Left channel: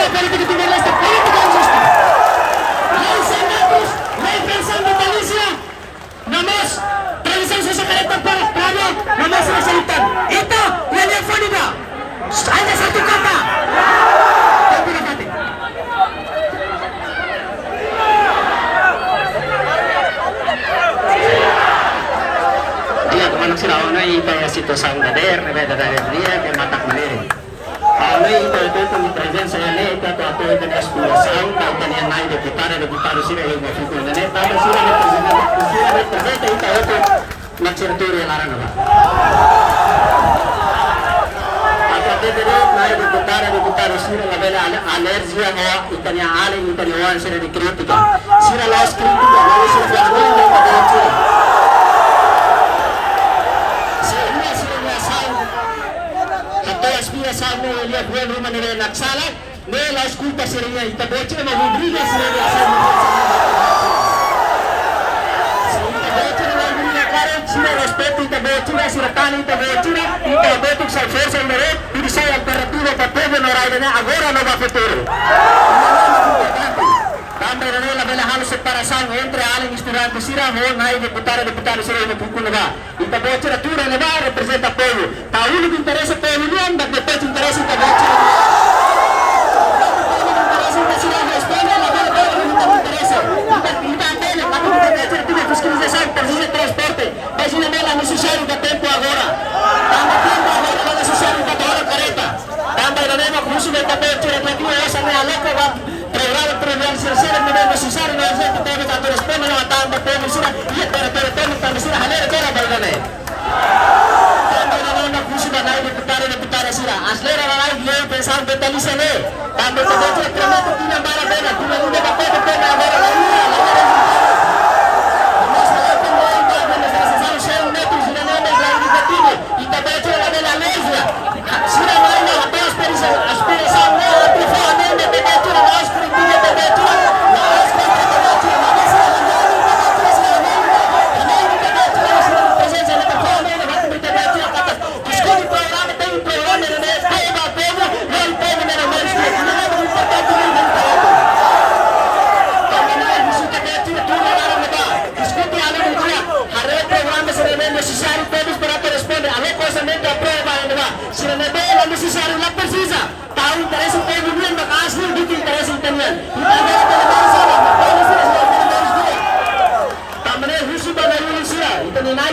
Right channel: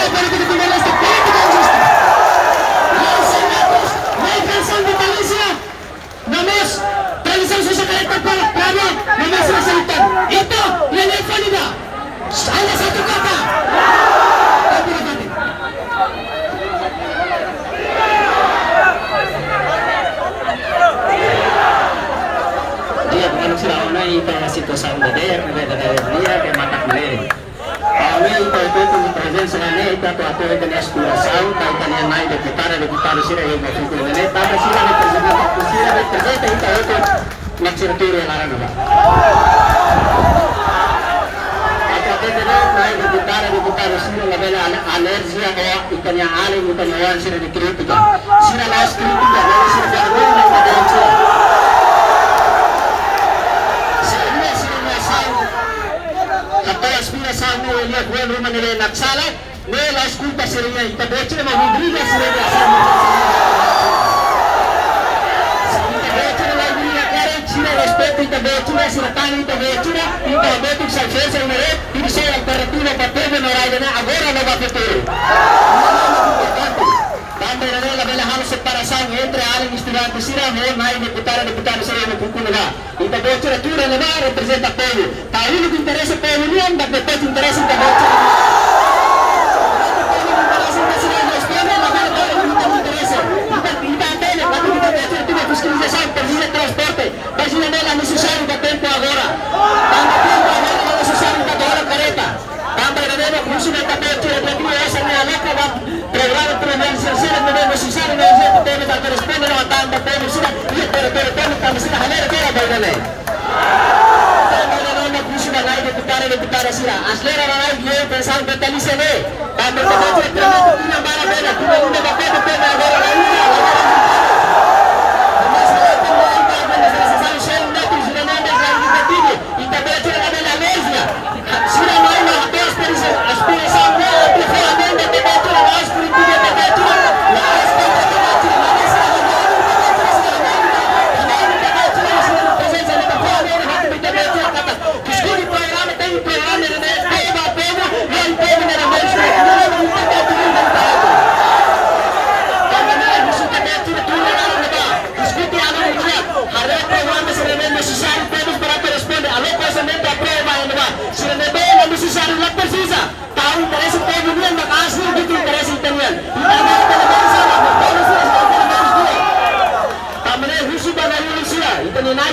la política Timor-Leste, política injusta. Los senatos de pensión vitalicia, nomás, tradición sa kareta prado, nomás sila salitan. Ito, nalefon nila. Sana sa tukata. Tempo na kate. Dia kemana sila ona ito sitwasyon na der, beda dia ke matak maliri. Paano ito kung presence nga ne ito ato ito ni aspiração kay kanya nai deputado sila yung masuko na ne tama sila representa ito magsiraturya lara na ba. Naik deputado sila labela alergia o itanya aling itanyawan sila di kritika sila laos kritika lalu sila gano'n ng kadensa sila asal atau aspiração mo lihat buwan rumah nila nagsala may laos kulta sila niya itaboche na mahubriga sila niya asal sila respeto itaboche na sila tani itaboche na itaboche sa forza na rin isso é alternativa para o povo no raio agora no futuro. Também na bela hal separação entre além estudantes sira mo nai deputado sira no puku naga. Ita bocera tura naga representa o povo. Tahu que interessa o povo nian dak depois interessa ita bocera. Fiscalização, precisa de transporte, mas não é necessário dar tempo agora. Tanto tempo agora não é necessário dar hora careta. Também não é curso de papel, tira de aqui, essa não é a louca, programa primeiro, terceiro, não é necessário, não é gente, teve que responder, não está em papel, não será, e pero, também será, halera, toda a não é. Também não é curso da lei, deputada, será. As leras da lei, pensando que está ali, se lê. Também tem que prometer, tinha barabena, tinha um papel, tema agora, lá, e também tem a bela alergia. Se não mais não até a aspiração né a ferramenta de temperatura lá por incrível temperatura lá as temperatura lá nessa a presença da ferramenta vai ter temperatura cata. Escolhe programa tem programa né aí vai povo vai povo né mais não importante não tá também isso temperatura tudo lá no bar escute a alergia haré programa se é necessário todos para responder alô cosamento a prova ainda vai se não é necessário lá precisa tahu interesse o povo nian maka asli gitu interesse itanian kita agora pela mensagem mas vamos ver se vai ter mais dia tamane husu bana yuli sira itani nai